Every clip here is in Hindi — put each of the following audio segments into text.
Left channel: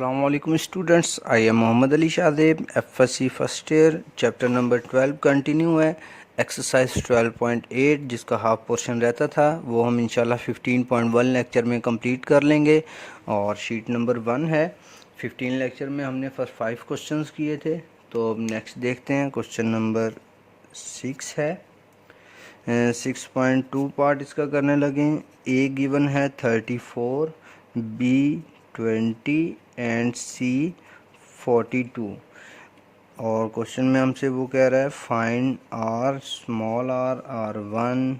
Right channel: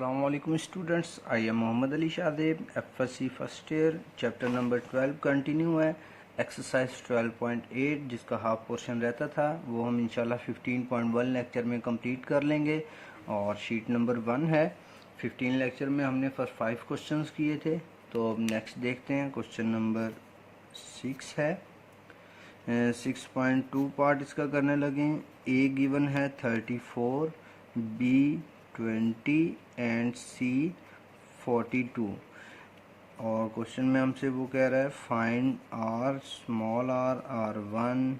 Assalamualaikum students, I am Mohammad Ali Shadab, FSC first year, chapter number 12 continue है। एक्सरसाइज 12.8 जिसका हाफ पोर्शन रहता था वो हम इंशाल्लाह 15.1 लेक्चर में कंप्लीट कर लेंगे और शीट नंबर 1 है। 15 लेक्चर में हमने फर्स्ट 5 क्वेश्चंस किए थे, तो अब नेक्स्ट देखते हैं। क्वेश्चन नंबर 6 है। 6.2 पार्ट इसका करने लगे। ए गिवन है 34, बी 20 एंड सी 42 और क्वेश्चन में हमसे वो कह रहा है find R small R, R1,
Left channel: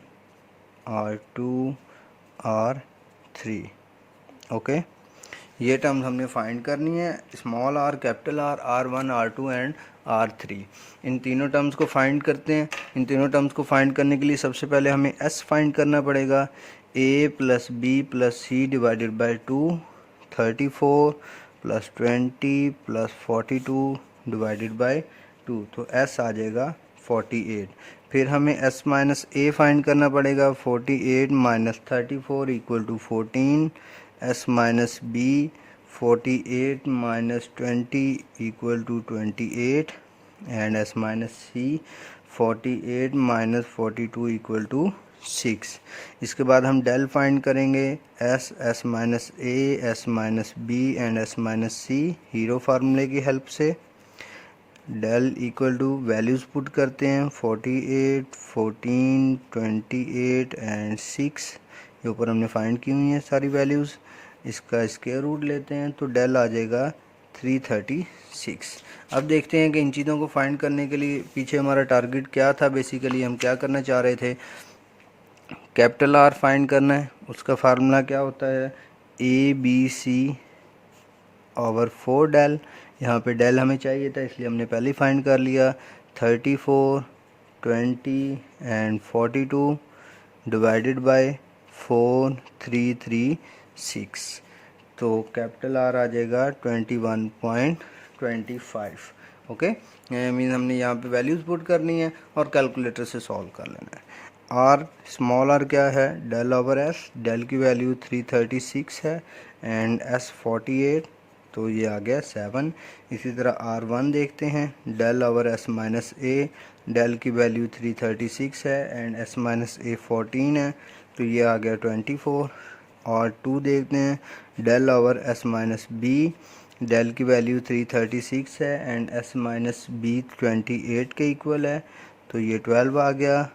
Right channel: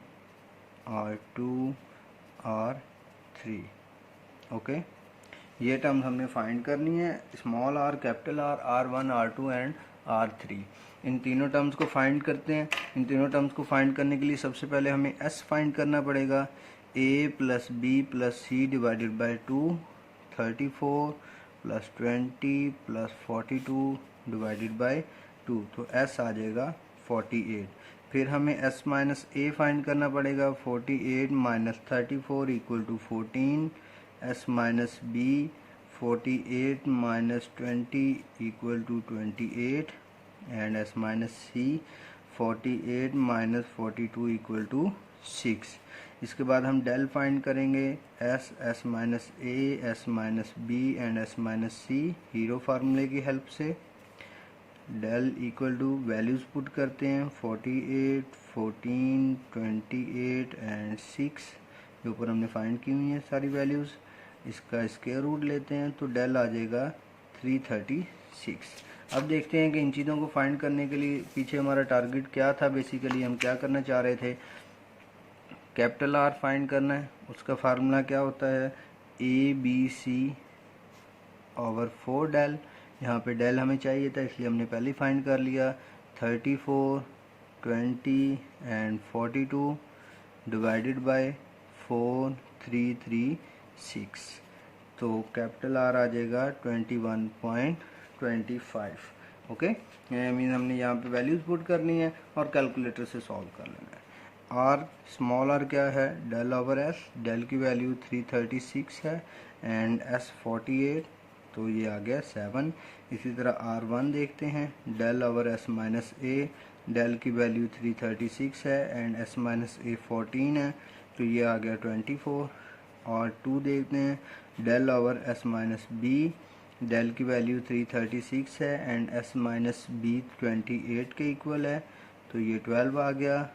R2, R3। Okay, ये टर्म्स हमने फाइंड करनी है। Small R, capital R, R1, R2 and R3। इन तीनों टर्म्स को फाइंड करते हैं। इन तीनों टर्म्स को फाइंड करने के लिए सबसे पहले हमें S फाइंड करना पड़ेगा। A plus B plus C divided by 2, 34 plus 20 plus 42 divided by 2, तो S आ जाएगा 48। फिर हमें S माइनस A फाइंड करना पड़ेगा। 48 minus 34 equal to 14। S minus B 48 minus 20 equal to 28 and S minus C 48 minus 42 equal to 6। इसके बाद हम डेल फाइंड करेंगे। S minus A, S minus B and S minus C Hero फार्मूले की हेल्प से। Del equal to values put करते हैं 48, 14, 28 एंड 6। ये ऊपर हमने फाइंड की हुई हैं सारी वैल्यूज़। इसका स्क्वायर रूट लेते हैं तो डेल आ जाएगा 336। अब देखते हैं कि इन चीज़ों को फाइंड करने के लिए पीछे हमारा टारगेट क्या था। बेसिकली हम क्या करना चाह रहे थे, कैपिटल आर फाइंड करना है। उसका फार्मूला क्या होता है, ABC ओवर 4 डेल। यहाँ पे डेल हमें चाहिए था इसलिए हमने पहले फाइंड कर लिया। 34, 20 एंड 42 डिवाइडेड बाय 4, 3, 3, 6, तो कैपिटल आर आ जाएगा 21.25। ओके, मीन हमने यहाँ पे वैल्यूज़ पुट करनी है और कैलकुलेटर से सॉल्व कर लेना है। आर स्मॉल आर क्या है, डेल ओवर एस। डेल की वैल्यू 336 है एंड एस 48, तो ये आ गया 7। इसी तरह R1 देखते हैं। डेल ओवर एस माइनस ए, डेल की वैल्यू 336 है एंड एस माइनस ए 14 है, तो ये आ गया 24। और 2 देखते हैं। Del over S minus B, del की वैल्यू 336 है एंड एस माइनस बी 28 के इक्वल है, तो ये 12 आ गया।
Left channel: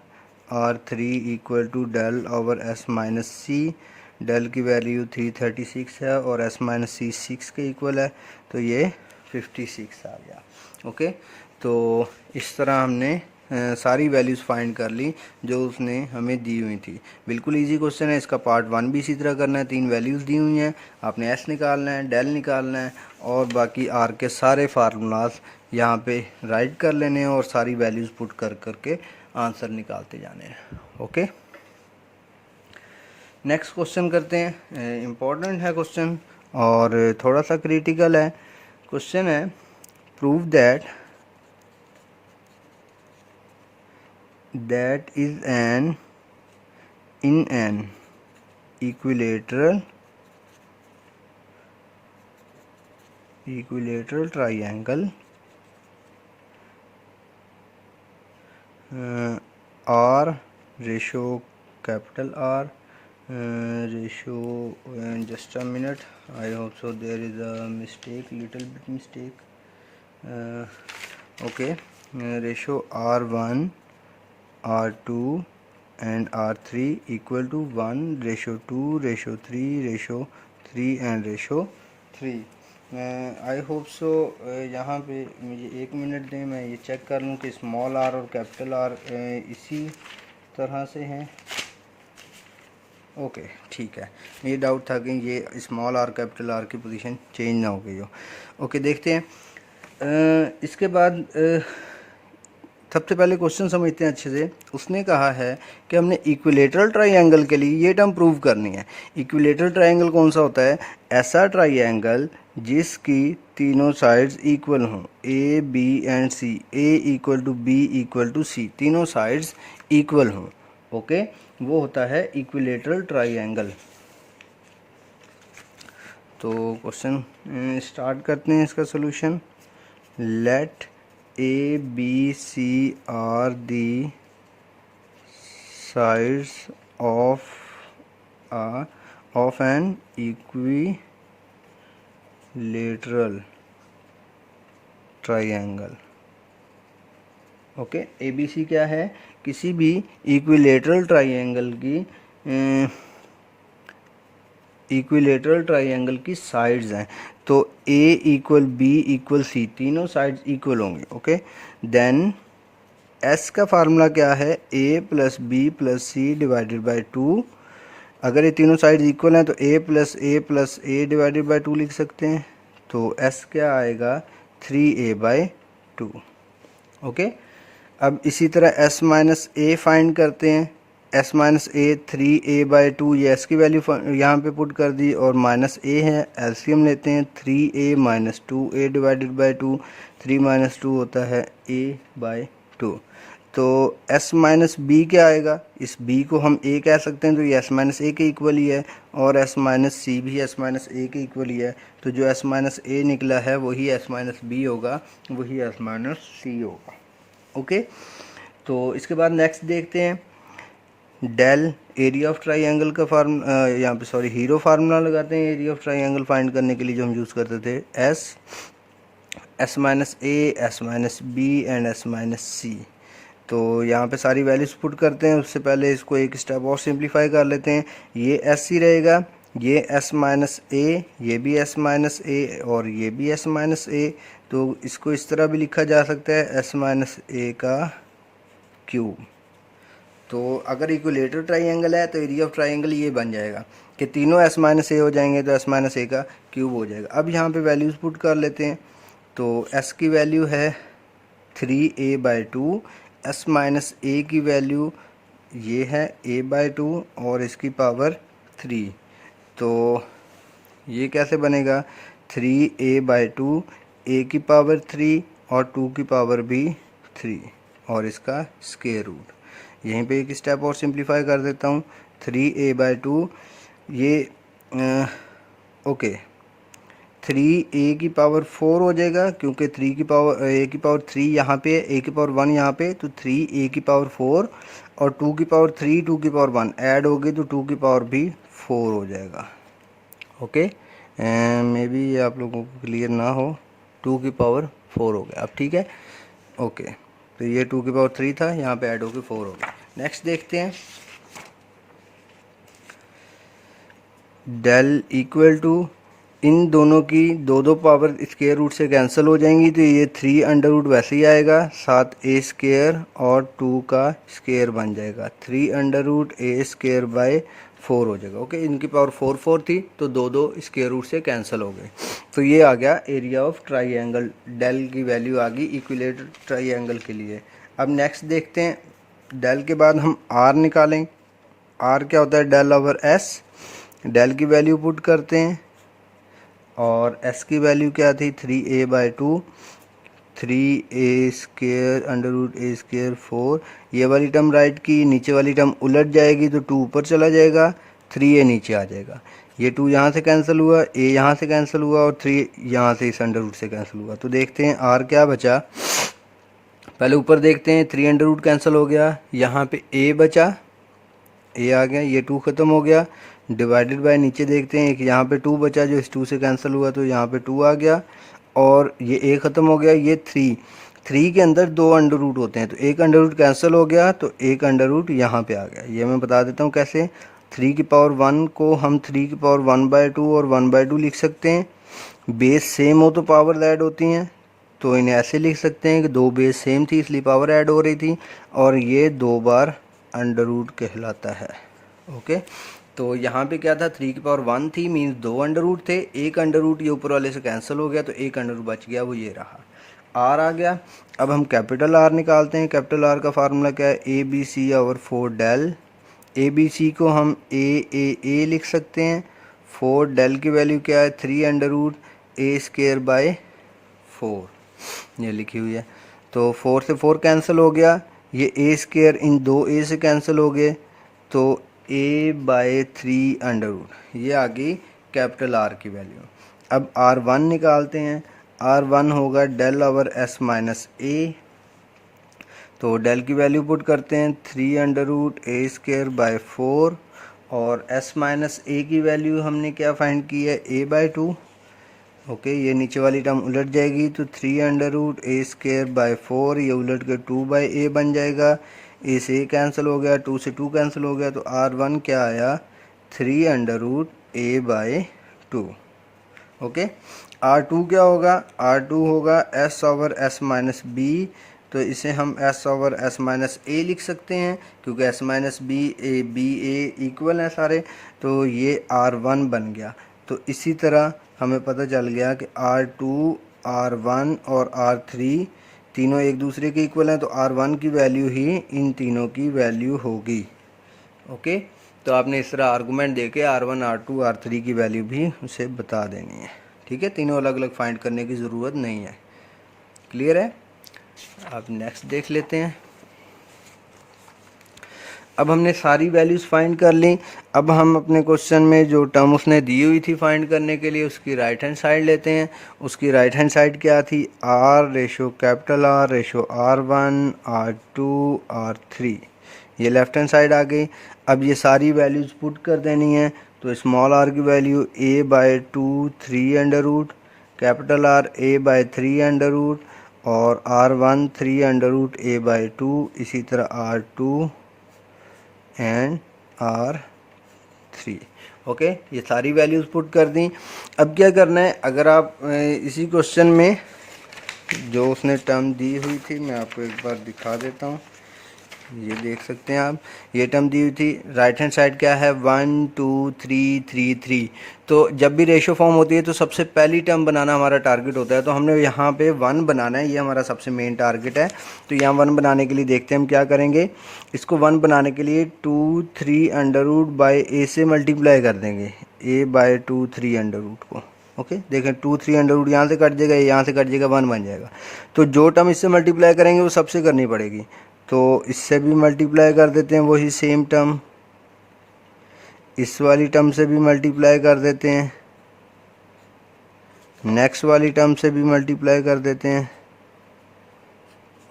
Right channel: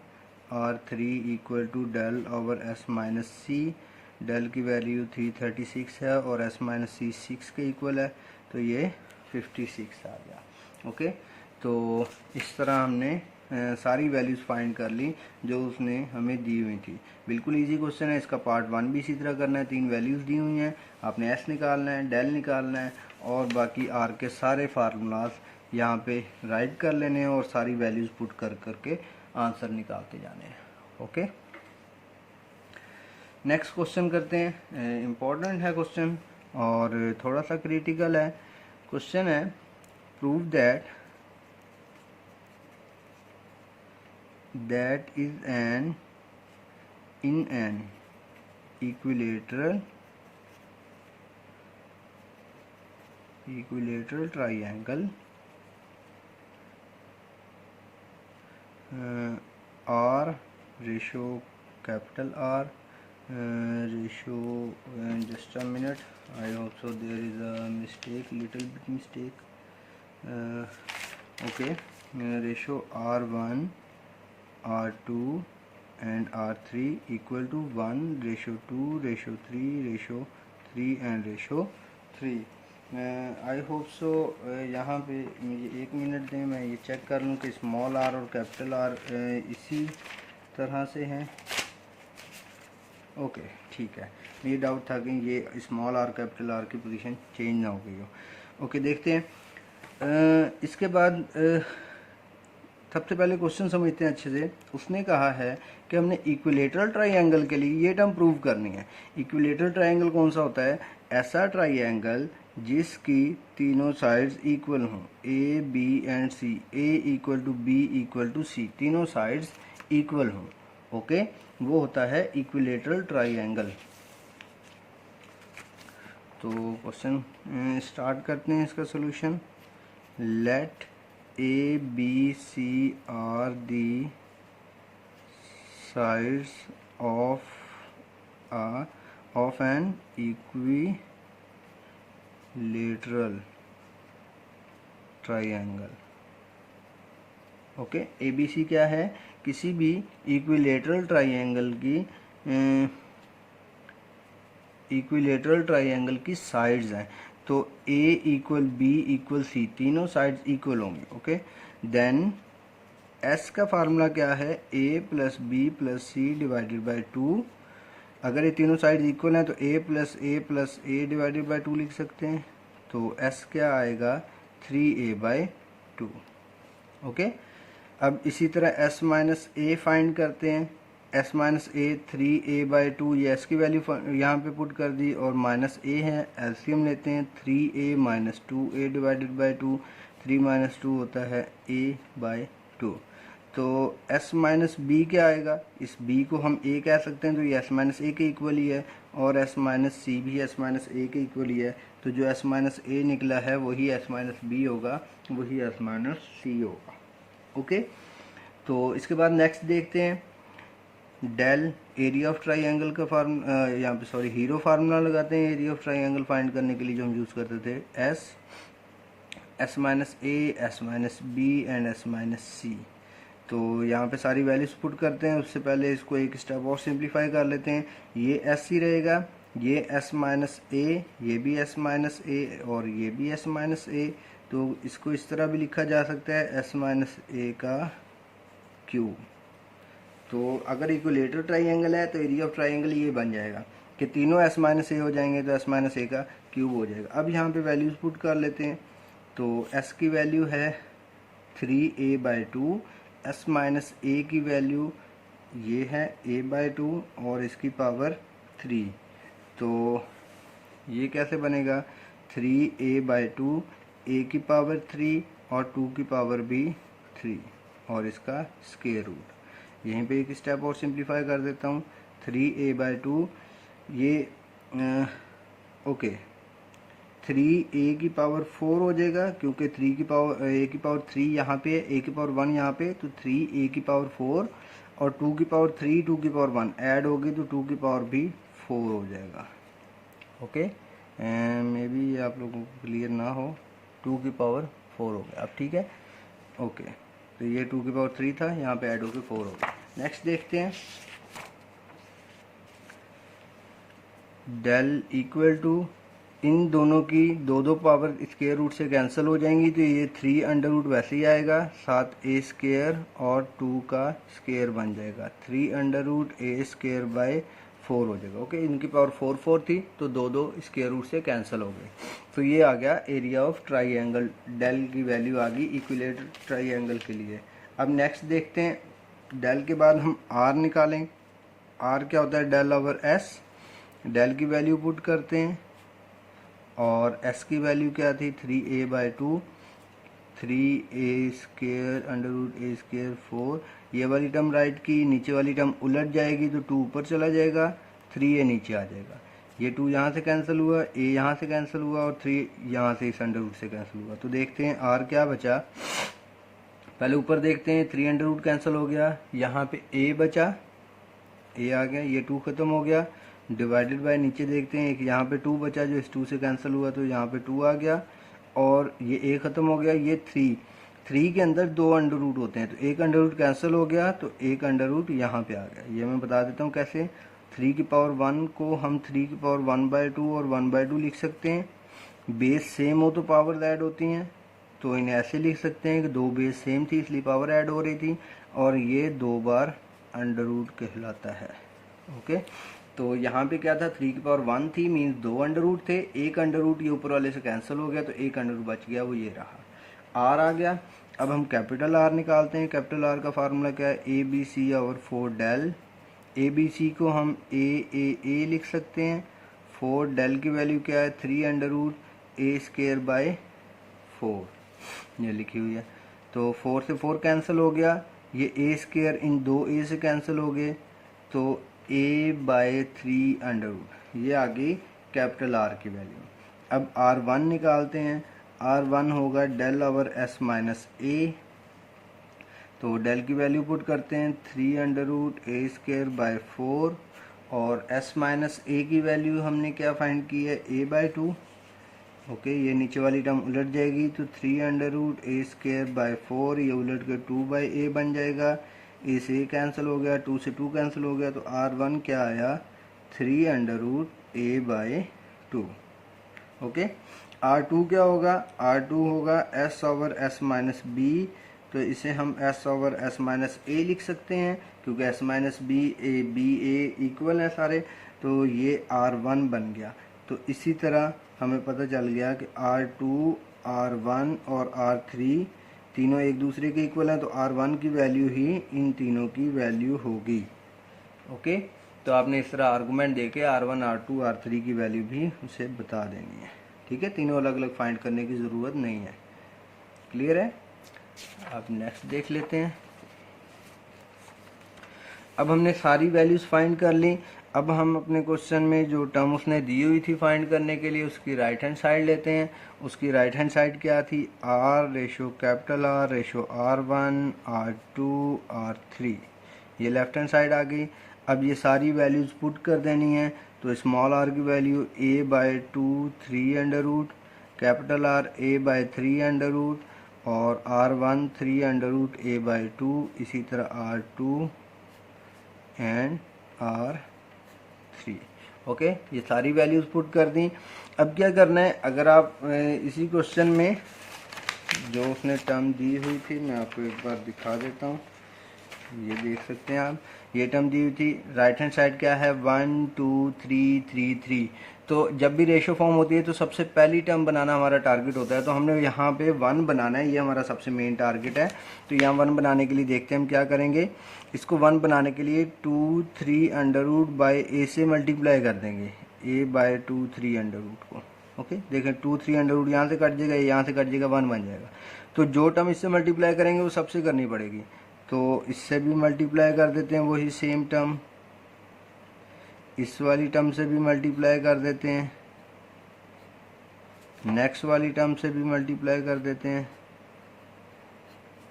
R3 equal to del over S minus C, del की वैल्यू 336 है और एस माइनस सी 6 के इक्वल है, तो ये 56 आ गया। ओके, तो इस तरह हमने सारी वैल्यूज़ फाइंड कर ली जो उसने हमें दी हुई थी। बिल्कुल इजी क्वेश्चन है। इसका पार्ट 1 भी इसी तरह करना है। 3 वैल्यूज़ दी हुई हैं, आपने एस निकालना है, डेल निकालना है और बाकी आर के सारे फार्मूलाज यहाँ पे राइट कर लेने हैं और सारी वैल्यूज़ पुट कर करके आंसर निकालते जाने हैं। ओके, नेक्स्ट क्वेश्चन करते हैं। इम्पोर्टेंट है क्वेश्चन और थोड़ा सा क्रिटिकल है। क्वेश्चन है prove that is an in an equilateral triangle R ratio capital R ratio, just a minute, I hope so there is a mistake, little bit mistake. Okay, ratio R1, R2 and R3 equal to 1, ratio 2, ratio 3, ratio 3 and ratio 3. I hope so यहाँ पे मुझे 1 मिनट दें, मैं ये चेक कर लूँ कि स्मॉल आर और कैपिटल आर इसी तरह से हैं। ओके, ठीक है। मुझे डाउट था कि ये स्मॉल आर कैपिटल आर की पोजीशन चेंज ना हो गई हो। ओके, देखते हैं। इसके बाद सबसे पहले क्वेश्चन समझते हैं अच्छे से। उसने कहा है कि हमने इक्विलेटरल ट्राइंगल के लिए ये टर्म प्रूव करनी है। इक्विलेटरल ट्राइंगल कौन सा होता है, ऐसा ट्राइंगल जिसकी तीनों साइड्स इक्वल हों, A B and C, A equal to B equal to C, तीनों साइड्स इक्वल हों। ओके, वो होता है इक्विलेटरल ट्राइंगल। तो क्वेश्चन स्टार्ट करते हैं इसका solution. Let A B C are the sides of an equilateral triangle. Okay, A B C क्या है? किसी भी इक्विलेटरल ट्राइंगल की साइड्स हैं। तो A equal B equal C, तीनों साइड्स इक्वल होंगे। ओके, देन एस का फार्मूला क्या है? A plus B plus C divided by 2। अगर ये तीनों साइड्स इक्वल हैं तो A plus A divided by 2 लिख सकते हैं। तो एस क्या आएगा? 3a/2। ओके, अब इसी तरह s माइनस ए फाइंड करते हैं। s माइनस ए 3a/2, ये s की वैल्यू यहाँ पे पुट कर दी, और माइनस a है, एलसीएम लेते हैं। 3a minus 2a divided by 2, 3 minus 2 होता है a/2। तो s माइनस बी क्या आएगा? इस b को हम a कह सकते हैं, तो ये s माइनस ए के इक्वल ही है, और s माइनस सी भी s माइनस ए के इक्वल ही है। तो जो s माइनस ए निकला है वही s माइनस बी होगा, वही s माइनस सी होगा। ओके, तो इसके बाद नेक्स्ट देखते हैं। डेल एरिया ऑफ ट्राइंगल का यहाँ पे हीरो फार्मूला लगाते हैं एरिया ऑफ ट्राइंगल फाइंड करने के लिए, जो हम यूज़ करते थे। S minus A, S minus B and S minus C. तो यहाँ पे सारी वैल्यूज पुट करते हैं। उससे पहले इसको एक स्टेप और सिंप्लीफाई कर लेते हैं। ये एस ही रहेगा, ये एस माइनस ए, ये भी एस माइनस ए, और ये भी एस माइनस ए। तो इसको इस तरह भी लिखा जा सकता है, एस माइनस ए का क्यूब। तो अगर इक्विलेटरल ट्राइंगल है तो एरिया ऑफ ट्राइंगल ये बन जाएगा कि तीनों एस माइनस ए हो जाएंगे, तो एस माइनस ए का क्यूब हो जाएगा। अब यहाँ पे वैल्यूज़ पुट कर लेते हैं। तो एस की वैल्यू है 3a/2, एस माइनस ए की वैल्यू ये है a/2 और इसकी पावर 3। तो ये कैसे बनेगा? 3a/2, a की पावर 3 और 2 की पावर भी 3, और इसका स्क्वायर रूट। यहीं पे एक स्टेप और सिंप्लीफाई कर देता हूँ। 3a/2 ये ओके 3a की पावर 4 हो जाएगा, क्योंकि 3 की पावर a की पावर 3 यहाँ पे, a की पावर 1 यहाँ पे, तो 3a की पावर 4 और 2 की पावर 3, 2 की पावर 1 ऐड होगी तो 2 की पावर भी 4 हो जाएगा। ओके, मे बी ये आप लोगों को क्लियर ना हो, 2 की पावर 4 हो गया। अब ठीक है। ओके, तो ये 2 की पावर 3 था, यहाँ पे ऐड होकर 4 हो गया। नेक्स्ट देखते हैं। डेल इक्वल टू, इन दोनों की दो पावर स्क्वायर रूट से कैंसिल हो जाएंगी, तो ये 3 अंडर रूट वैसे ही आएगा, साथ a स्क्वायर और 2 का स्क्वायर बन जाएगा। 3 under root a square by 4 हो जाएगा। ओके, इनकी पावर 4 थी, तो दो स्क्वायर रूट से कैंसिल हो गए। तो ये आ गया एरिया ऑफ ट्राइंगल। डेल की वैल्यू आ गई इक्विलेटरल ट्राइंगल के लिए। अब नेक्स्ट देखते हैं। डेल के बाद हम r निकालें। r क्या होता है? Del over s। डेल की वैल्यू पुट करते हैं, और s की वैल्यू क्या थी? 3a/2, 3a square under root a square 4। ये वाली टर्म राइट की, नीचे वाली टर्म उलट जाएगी तो 2 ऊपर चला जाएगा, 3a नीचे आ जाएगा। ये 2 यहाँ से कैंसिल हुआ, a यहाँ से कैंसिल हुआ, और 3 यहाँ से इस अंडर रूट से कैंसिल हुआ। तो देखते हैं r क्या बचा। पहले ऊपर देखते हैं, 3 अंडर रूट कैंसिल हो गया, यहाँ पे a बचा, a आ गया, ये 2 ख़त्म हो गया। डिवाइडेड बाय नीचे देखते हैं, एक यहाँ पे 2 बचा जो इस 2 से कैंसिल हुआ, तो यहाँ पे 2 आ गया, और ये a ख़त्म हो गया, ये 3 के अंदर 2 अंडर रूट होते हैं, तो एक अंडर रूट कैंसिल हो गया, तो एक अंडर रूट यहाँ पे आ गया। ये मैं बता देता हूँ कैसे। 3 की पावर 1 को हम 3 की पावर 1/2 और 1/2 लिख सकते हैं। बेस सेम हो तो पावर ऐड होती हैं, तो इन्हें ऐसे लिख सकते हैं कि 2 बेस सेम थी इसलिए पावर ऐड हो रही थी, और ये 2 बार अंडर रूट कहलाता है। ओके, तो यहाँ पे क्या था? 3 की पावर 1 थी, मीन्स 2 अंडर रूट थे, एक अंडर रूट ये ऊपर वाले से कैंसिल हो गया, तो एक अंडर रूट बच गया, वो ये रहा, r आ गया। अब हम कैपिटल R निकालते हैं। कैपिटल R का फार्मूला क्या है? ABC/4 del. ABC को हम a लिख सकते हैं। 4 डेल की वैल्यू क्या है? 3 under root a square by 4, ये लिखी हुई है। तो 4 से 4 कैंसिल हो गया, ये a स्क्वायर इन 2 a से कैंसिल हो गए, तो a/3 अंडर रूट, ये आ गई कैपिटल R की वैल्यू। अब R1 निकालते हैं। R1 होगा डेल ओवर S माइनस ए, तो डेल की वैल्यू पुट करते हैं 3√a² बाय 4 और S माइनस ए की वैल्यू हमने क्या फाइंड की है, a/2। ओके, ये नीचे वाली टर्म उलट जाएगी तो 3√a²बाय 4 ये उलट के 2/a बन जाएगा। ए से ए कैंसिल हो गया, 2 से 2 कैंसिल हो गया, तो R1 क्या आया, 3√a/2। ओके, R2 क्या होगा, R2 होगा S over S minus B, तो इसे हम S over S minus A लिख सकते हैं क्योंकि S minus B A B A equal हैं सारे, तो ये R1 बन गया। तो इसी तरह हमें पता चल गया कि R2, R1 और R3 तीनों एक दूसरे के इक्वल हैं, तो R1 की वैल्यू ही इन तीनों की वैल्यू होगी। ओके, तो आपने इस तरह आर्गूमेंट देके R1, R2, R3 की वैल्यू भी उसे बता देनी है। ठीक है, तीनों अलग अलग फाइंड करने की ज़रूरत नहीं है। क्लियर है? अब नेक्स्ट देख लेते हैं। अब हमने सारी वैल्यूज़ फाइंड कर ली। अब हम अपने क्वेश्चन में जो टर्म उसने दी हुई थी फाइंड करने के लिए, उसकी राइट हैंड साइड लेते हैं। उसकी राइट हैंड साइड क्या थी, R ratio capital R ratio R1 R2 R3, ये लेफ्ट हैंड साइड आ गई। अब ये सारी वैल्यूज़ पुट कर देनी है, तो स्मॉल r की value a/2 3√, capital R a/3√, और R1 3√a/2, इसी तरह R2 एंड R3। ओके, ये सारी वैल्यूज़ पुट कर दी। अब क्या करना है, अगर आप इसी क्वेश्चन में जो उसने टर्म दी हुई थी, मैं आपको एक बार दिखा देता हूँ। ये देख सकते हैं आप, ये टर्म दी हुई थी। राइट हैंड साइड क्या है, 1 2 3 3 3। तो जब भी रेशो फॉर्म होती है तो सबसे पहली टर्म बनाना हमारा टारगेट होता है, तो हमने यहाँ पे 1 बनाना है, ये हमारा सबसे मेन टारगेट है। तो यहाँ 1 बनाने के लिए देखते हैं हम क्या करेंगे। इसको 1 बनाने के लिए 2 3√a से मल्टीप्लाई कर देंगे, a/2 3√ को। ओके, देखें 2 3√ यहाँ से कट जाएगा, यहाँ से कट जाएगा, 1 बन जाएगा। तो जो टर्म इससे मल्टीप्लाई करेंगे वो सबसे करनी पड़ेगी, तो इससे भी मल्टीप्लाई कर देते हैं वही सेम टर्म, इस वाली टर्म से भी मल्टीप्लाई कर देते हैं, नेक्स्ट वाली टर्म से भी मल्टीप्लाई कर देते हैं,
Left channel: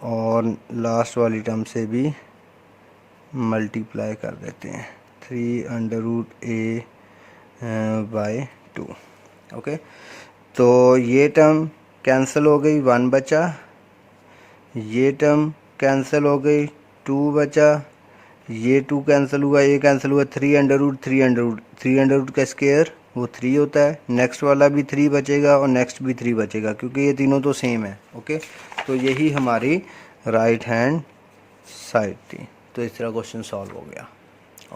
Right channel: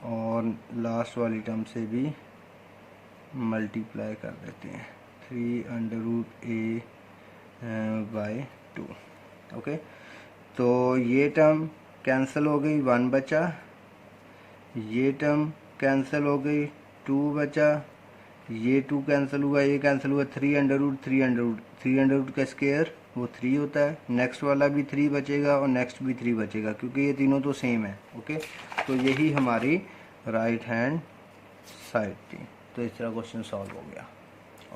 और लास्ट वाली टर्म से भी मल्टीप्लाई कर देते हैं 3√a/2। ओके, तो ये टर्म कैंसिल हो गई, 1 बचा, ये टर्म कैंसिल हो गई, 2 बचा, ये 2 कैंसिल हुआ, ये कैंसिल हुआ, 3√3√3 का स्क्वायर वो 3 होता है। नेक्स्ट वाला भी 3 बचेगा और नेक्स्ट भी 3 बचेगा, क्योंकि ये तीनों तो सेम है। ओके, तो यही हमारी राइट हैंड साइड थी। तो इस तरह क्वेश्चन सॉल्व हो गया।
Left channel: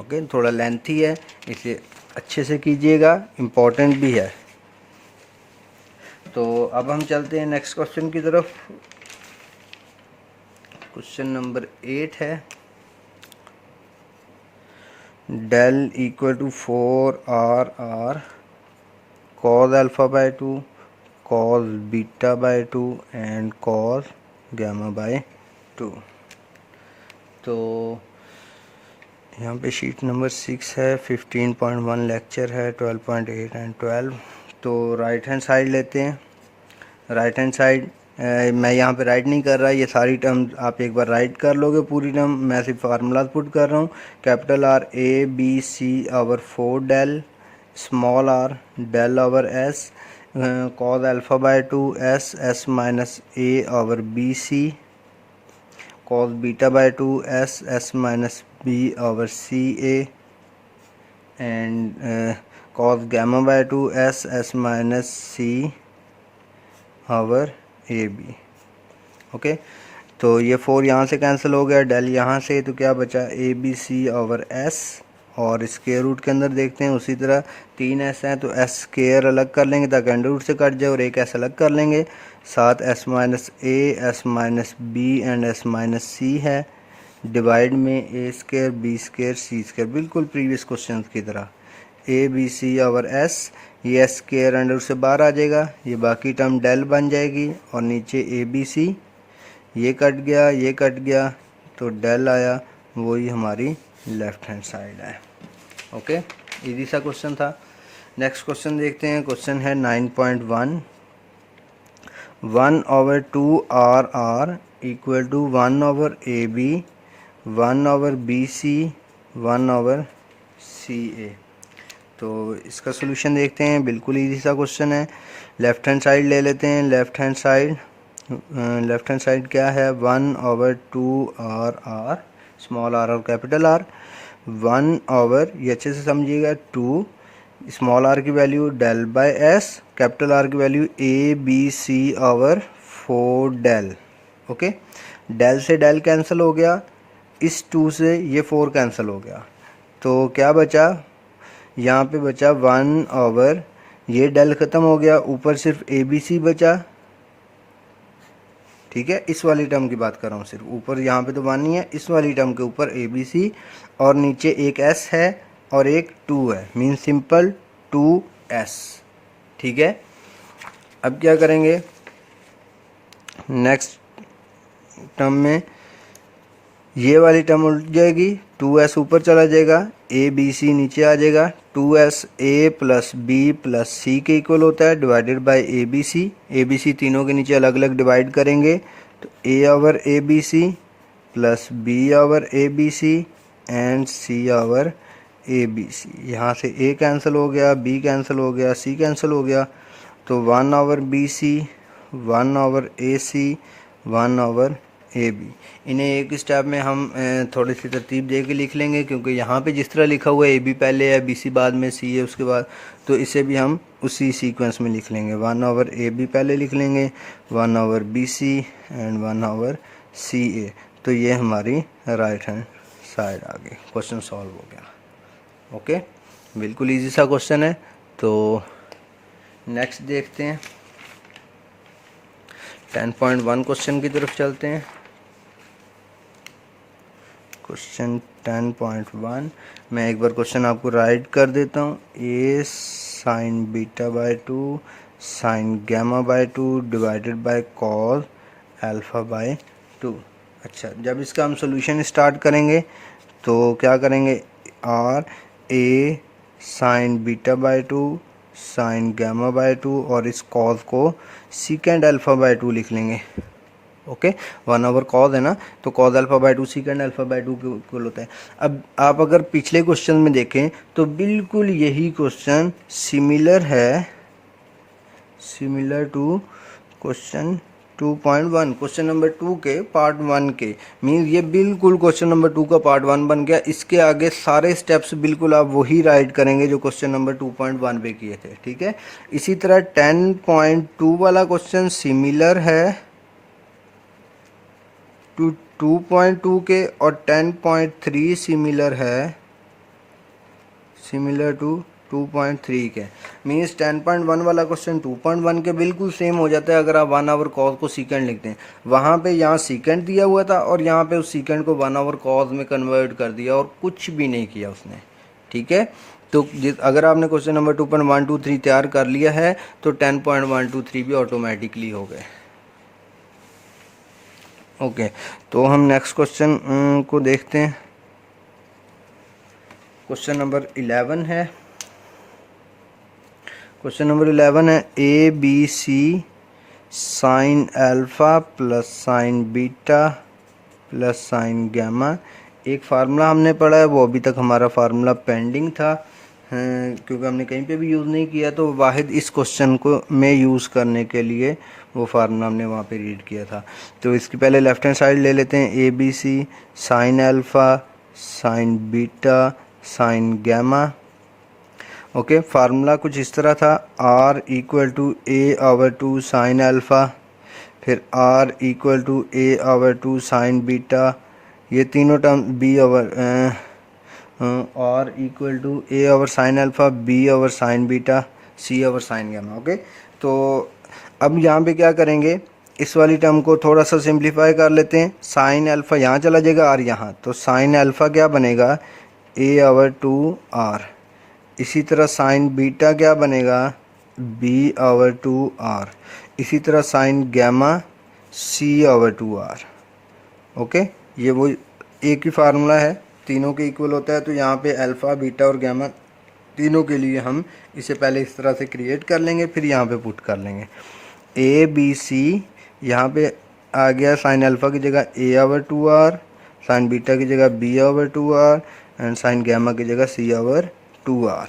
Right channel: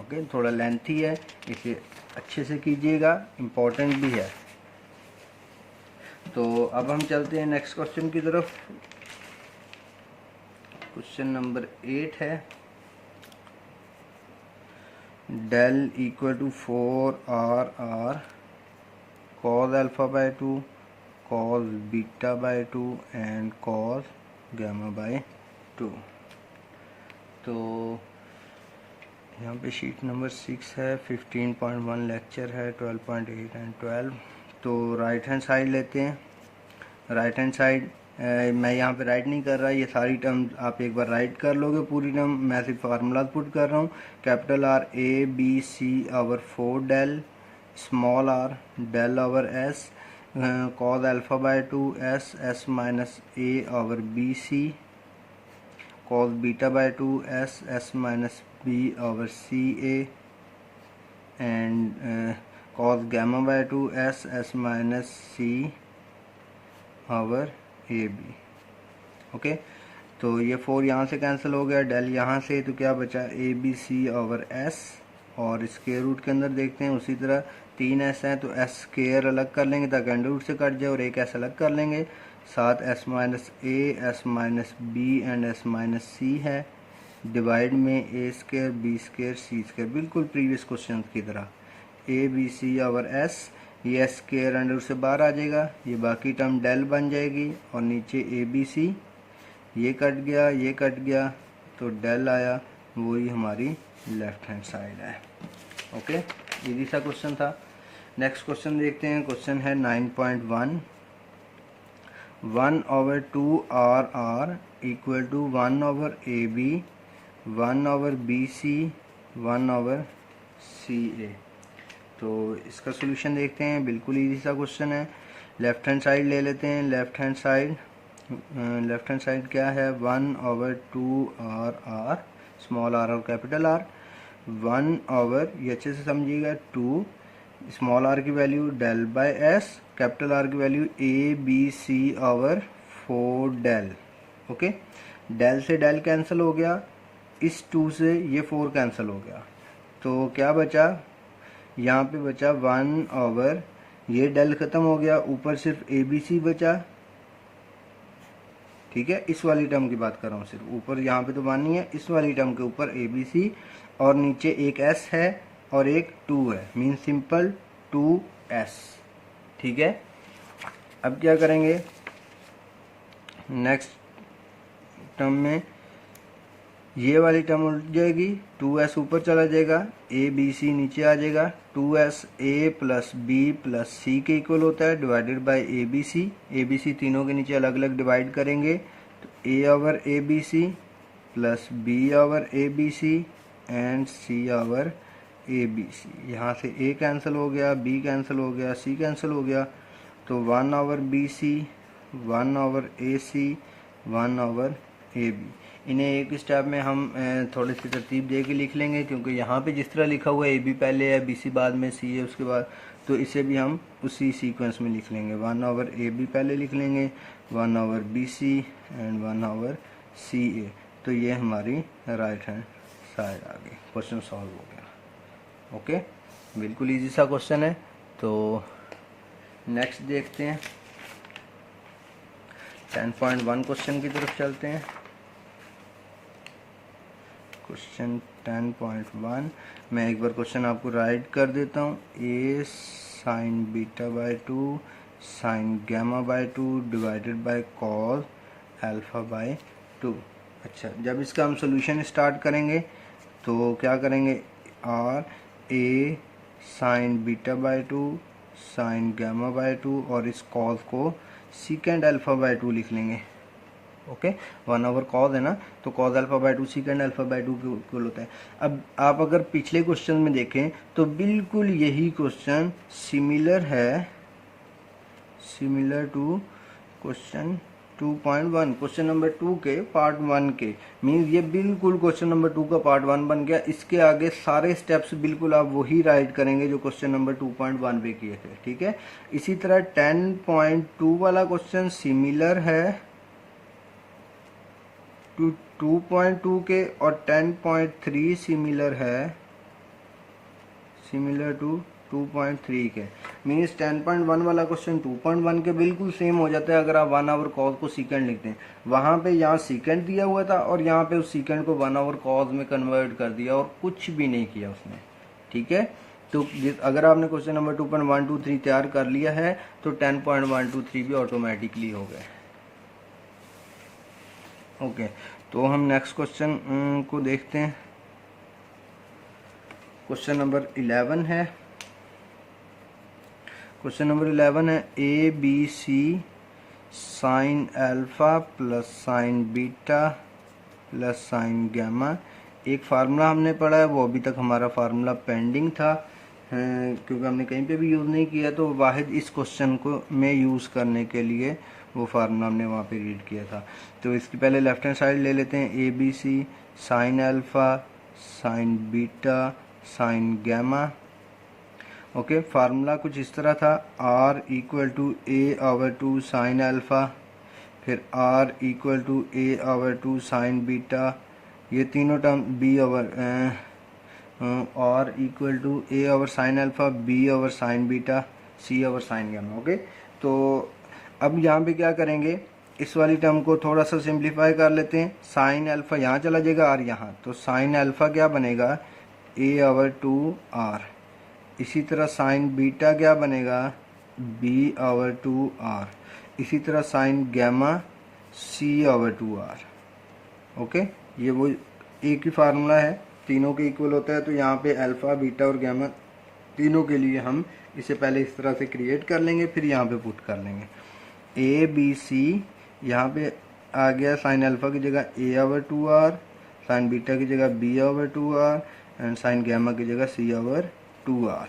ओके, थोड़ा लेंथी है, इसे अच्छे से कीजिएगा, इम्पोर्टेंट भी है। तो अब हम चलते हैं नेक्स्ट क्वेश्चन की तरफ। क्वेश्चन नंबर 8 है, del equal to 4r cos alpha by 2, cos beta by 2 and cos gamma by 2। तो यहाँ पे शीट नंबर 6 है, 15.1 लेक्चर है, 12.8 एंड 12। तो राइट हैंड साइड लेते हैं। राइट हैंड साइड मैं यहाँ पे राइट नहीं कर रहा, ये सारी टर्म आप एक बार राइट कर लोगे पूरी टर्म, मैं सिर्फ फार्मूला पुट कर रहा हूँ। Capital R a/b/c/4 del, small r del over s, cos alpha by 2 s minus a/bc, cos beta by 2 s minus b/ca, and cos gamma by 2 s minus c/ab। Okay, तो ये 4 यहाँ से कैंसिल हो गया, डेल यहाँ से, तो क्या बचा abc/s, और स्क्वायर रूट के अंदर देखते हैं उसी तरह 3s हैं, तो s स्क्वायर अलग कर लेंगे ताकि अंडर रूट से कट जाए, और एक s अलग कर लेंगे, साथ s minus a, s minus b and s minus c है, डिवाइड में a square b square c square, बिल्कुल प्रीवियस क्वेश्चन की तरह। abc/s, ये s स्क्वायर अंडर से बाहर आ जाएगा, ये बाकी टर्म डेल बन जाएगी, और नीचे abc, ये कट गया, ये कट गया, तो डेल आया, वही हमारी लेफ्ट हैंड साइड है। ओके, इजी सा क्वेश्चन था। नेक्स्ट क्वेश्चन देखते हैं। क्वेश्चन है 9.1, 1/2 equal to 1/AB, 1/BC, 1/CA। तो इसका सोल्यूशन देखते हैं। बिल्कुल इजी सा क्वेश्चन है। लेफ़्ट हैंड साइड ले लेते हैं। लेफ़्ट हैंड साइड क्या है, 1/2 r, स्मॉल r और कैपिटल R, 1/, ये अच्छे से समझिएगा, 2 स्मॉल r की value del by s, capital R की value ABC/4 del. Okay, del से डेल कैंसिल हो गया, इस 2 से ये 4 कैंसिल हो गया, तो क्या बचा, यहाँ पे बचा 1/, ये डेल ख़त्म हो गया, ऊपर सिर्फ ABC बचा। ठीक है, इस वाली टर्म की बात कर रहा हूँ सिर्फ, ऊपर यहाँ पे तो 1 नहीं है, इस वाली टर्म के ऊपर ABC और नीचे एक S है और एक 2 है, मीन सिंपल 2S। ठीक है, अब क्या करेंगे, नेक्स्ट टर्म में ये वाली टर्म उल्ट जाएगी, 2S ऊपर चला जाएगा, ABC नीचे आ जाएगा, 2S A plus B plus C के इक्वल होता है, डिवाइडेड बाय ABC तीनों के नीचे अलग अलग डिवाइड करेंगे, तो A/ABC plus B/ABC and C/ABC। यहाँ से A कैंसिल हो गया, B कैंसिल हो गया, C कैंसिल हो गया, तो 1/BC, 1/AC, 1/AB। इन्हें एक स्टेप में हम थोड़ी सी तरतीब दे के लिख लेंगे, क्योंकि यहाँ पे जिस तरह लिखा हुआ है AB पहले है, BC बाद में, C है उसके बाद, तो इसे भी हम उसी सीक्वेंस में लिख लेंगे। 1/AB पहले लिख लेंगे, 1/BC एंड 1/CA। तो ये हमारी राइट हैंड साइड आ गई। क्वेश्चन सॉल्व हो गया। ओके, बिल्कुल ईजी सा क्वेश्चन है। तो नेक्स्ट देखते हैं, 10.1 क्वेश्चन की तरफ चलते हैं। क्वेश्चन 10.1, मैं एक बार क्वेश्चन आपको राइट कर देता हूँ। A sin β/2 sin γ/2 divided by cos α/2। अच्छा, जब इसका हम सोल्यूशन स्टार्ट करेंगे तो क्या करेंगे, R A sin β/2 sin γ/2 और इस cos को secant α/2 लिख लेंगे। ओके, 1/cos है ना, तो cos α/2 secant α/2 के इक्वल होता है। अब आप अगर पिछले क्वेश्चन में देखें तो बिल्कुल यही क्वेश्चन सिमिलर है, similar to question 2.1, question number 2 के पार्ट 1 के, मीन्स ये बिल्कुल क्वेश्चन नंबर 2 का पार्ट 1 बन गया। इसके आगे सारे स्टेप्स बिल्कुल आप वही राइट करेंगे जो क्वेश्चन नंबर 2.1 पे किए थे। ठीक है, इसी तरह 10.2 वाला क्वेश्चन सिमिलर है 2.2 के, और 10.3 सिमिलर है, सिमिलर टू 2.3 के, मीन्स 10.1 वाला क्वेश्चन 2.1 के बिल्कुल सेम हो जाता है अगर आप 1/cos को सीकेंड लिखते हैं। वहाँ पे यहाँ सीकेंड दिया हुआ था और यहाँ पे उस सीकेंड को 1/cos में कन्वर्ट कर दिया और कुछ भी नहीं किया उसने। ठीक है, तो अगर आपने क्वेश्चन नंबर 2.1, 2, 3 तैयार कर लिया है तो 10.1, 2, 3 भी ऑटोमेटिकली हो गए। ओके, तो हम नेक्स्ट क्वेश्चन को देखते हैं। क्वेश्चन नंबर 11 है। क्वेश्चन नंबर 11 है ABC sine alpha plus sine beta plus sine gamma. एक फार्मूला हमने पढ़ा है, वो अभी तक हमारा फार्मूला पेंडिंग था क्योंकि हमने कहीं पे भी यूज़ नहीं किया, तो वाहिद इस क्वेश्चन को में यूज़ करने के लिए वो फार्मूला हमने वहाँ पे रीड किया था। तो इसकी पहले लेफ्ट हैंड साइड ले लेते हैं, ABC sine alpha sine beta sine gamma. Okay, formula कुछ इस तरह था, R equal to A/2 sine alpha, फिर R equal to A/2 sine beta, ये तीनों term R equal to A sine alpha, B sine beta, C sine gamma. Okay, तो अब यहाँ पे क्या करेंगे, इस वाली टर्म को थोड़ा सा सिंप्लीफाई कर लेते हैं। साइन अल्फ़ा यहाँ चला जाएगा, R यहाँ, तो साइन अल्फ़ा क्या बनेगा, A/2 R। इसी तरह साइन बीटा क्या बनेगा, B/2 R। इसी तरह sign gamma C/2 R। Okay, ये वो एक ही फार्मूला है, तीनों के इक्वल होता है, तो यहाँ पे अल्फ़ा बीटा और गैमा तीनों के लिए हम इसे पहले इस तरह से क्रिएट कर लेंगे, फिर यहाँ पे पुट कर लेंगे। ए बी सी, यहाँ पे आ गया साइन अल्फ़ा की जगह a/2r, साइन बीटा की जगह b/2r एंड साइन गैमा की जगह c/2r।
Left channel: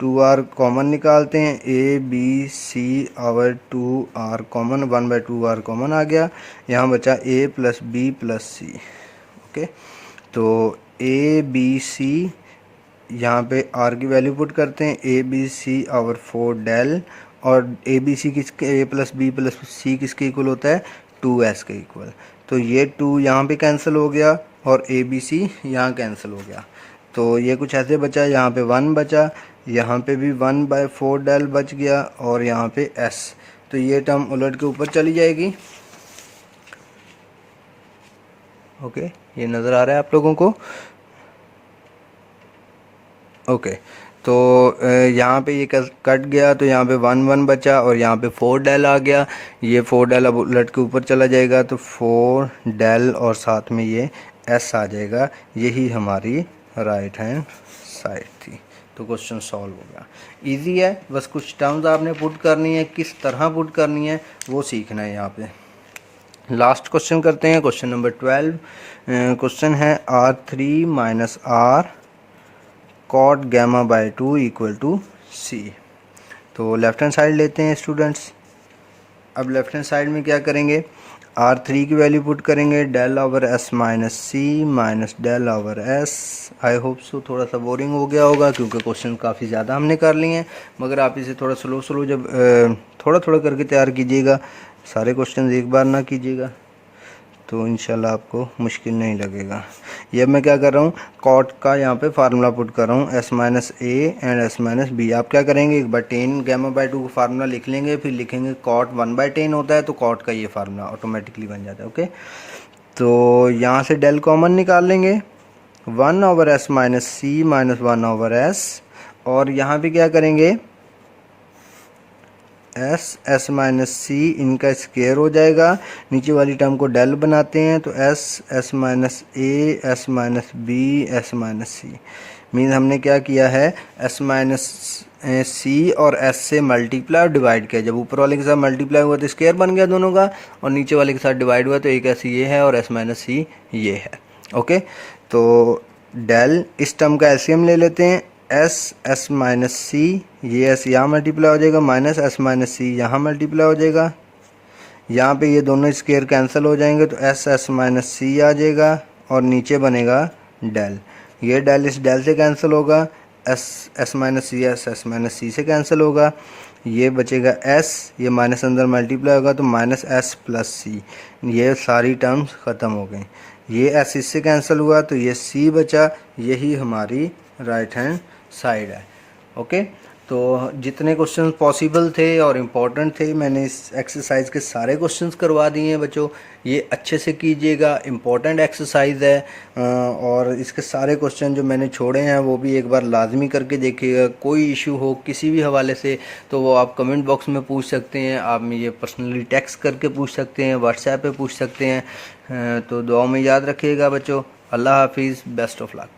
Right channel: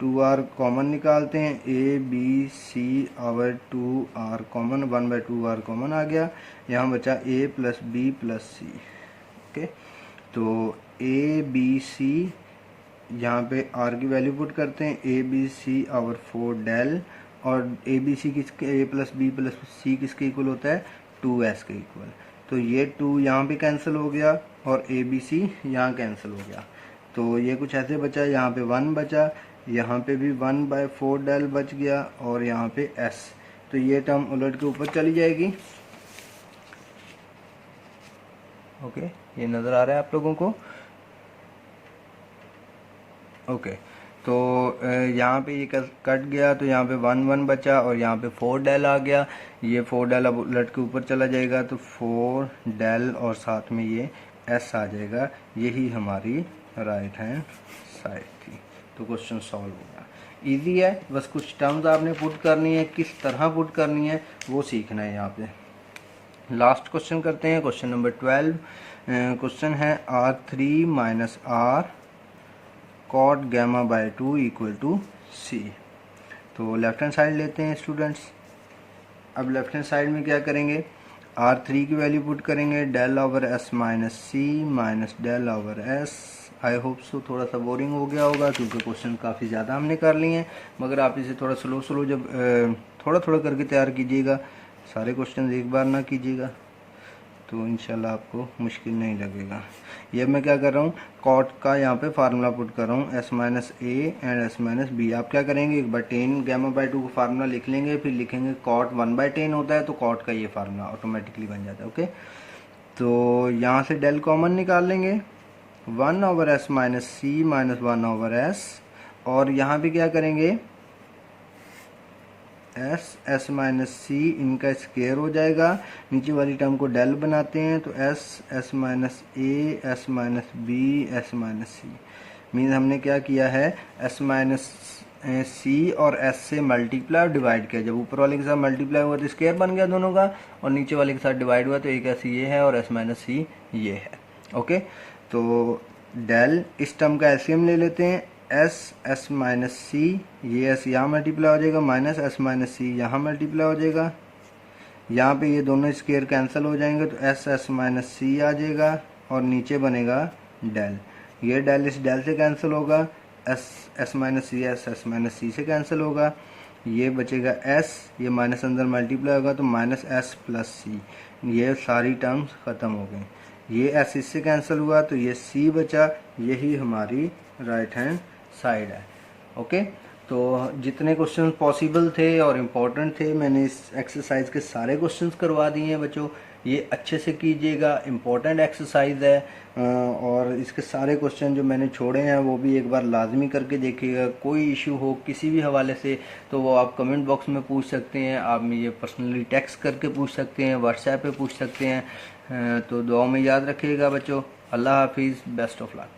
2r कॉमन निकालते हैं, a b c/2r common, 1/2r common आ गया। यहाँ बचा a + b + c। ओके, तो a b c, यहाँ पे r की वैल्यू पुट करते हैं, a b c/4 डेल, और ए बी सी किसके, a + b + c किसके इक्वल होता है, 2s के इक्वल। तो ये 2 यहाँ पे कैंसिल हो गया और ए बी सी यहाँ कैंसिल हो गया। तो ये कुछ ऐसे बचा, यहाँ पे 1 बचा, यहाँ पे भी 1/4 डेल बच गया, और यहाँ पे s। तो ये टर्म उलट के ऊपर चली जाएगी। ओके, ये नज़र आ रहा है आप लोगों को। ओके, तो यहाँ पे ये कट गया, तो यहाँ पे 1 बचा, और यहाँ पे 4 डेल आ गया। ये 4 डेल अब उलट के ऊपर चला जाएगा, तो 4 डेल और साथ में ये s आ जाएगा। यही हमारी राइट हैंड साइड थी। तो क्वेश्चन सॉल्व हो गया। इजी है, बस कुछ टर्म्स आपने पुट करनी है, किस तरह पुट करनी है वो सीखना है। यहाँ पे लास्ट क्वेश्चन करते हैं, क्वेश्चन नंबर 12। क्वेश्चन है r3 - r cot γ/2 = c। तो लेफ्ट हैंड साइड लेते हैं स्टूडेंट्स। अब लेफ्ट हैंड साइड में क्या करेंगे, r3 की वैल्यू पुट करेंगे, del/s - c - del/s। I hope so थोड़ा सा बोरिंग हो गया होगा, क्योंकि क्वेश्चन काफ़ी ज़्यादा हमने कर लिए हैं, मगर आप इसे थोड़ा स्लो जब थोड़ा थोड़ा करके तैयार कीजिएगा, सारे क्वेश्चन एक बार ना कीजिएगा, तो इंशाल्लाह आपको मुश्किल नहीं लगेगा। ये मैं क्या कर रहा हूँ, कॉट का यहाँ पे फार्मूला पुट कर रहा हूँ, s - a and s - b। आप क्या करेंगे, 1/10 γ/2 का फार्मूला लिख लेंगे, फिर लिखेंगे कॉट 1/10 होता है, तो कॉट का ये फार्मूला ऑटोमेटिकली बन जाता है। ओके, तो यहाँ से डेल कॉमन निकाल लेंगे, 1/s - c - 1/s, और यहाँ पे क्या करेंगे, s - c इनका स्क्वायर हो जाएगा, नीचे वाली टर्म को डेल बनाते हैं, तो s - a s - b s - c mean हमने क्या किया है, s - c और s से मल्टीप्लाई और डिवाइड किया। जब ऊपर वाले के साथ मल्टीप्लाई हुआ तो स्क्वायर बन गया दोनों का, और नीचे वाले के साथ डिवाइड हुआ तो एक s ये है और s - c ये है। ओके, तो डेल, इस टर्म का एलसीएम ले लेते हैं, s - c, ये s यहाँ मल्टीप्लाई हो जाएगा, माइनस s - c यहाँ मल्टीप्लाई हो जाएगा, यहाँ पे ये दोनों स्क्वायर कैंसिल हो जाएंगे, तो s - c आ जाएगा, और नीचे बनेगा डेल। ये डेल इस डेल से कैंसिल होगा, s - c से कैंसिल होगा, ये बचेगा s, ये माइनस अंदर मल्टीप्लाई होगा, तो -s + c। ये सारी टर्म्स ख़त्म हो गई, ये s इससे कैंसिल हुआ, तो ये c बचा। यही हमारी राइट हैंड साइड है। ओके, तो जितने क्वेश्चन पॉसिबल थे और इम्पोर्टेंट थे, मैंने इस एक्सरसाइज के सारे क्वेश्चंस करवा दिए हैं बच्चों। ये अच्छे से कीजिएगा, इम्पोर्टेंट एक्सरसाइज है, और इसके सारे क्वेश्चन जो मैंने छोड़े हैं वो भी एक बार लाजमी करके देखिएगा। कोई इशू हो किसी भी हवाले से तो वो आप कमेंट बॉक्स में पूछ सकते हैं, आप मुझे पर्सनली टेक्स्ट करके पूछ सकते हैं, व्हाट्सएप पे पूछ सकते हैं। तो दुआ में याद रखिएगा बच्चों। अल्लाह हाफिज़, बेस्ट ऑफ लक।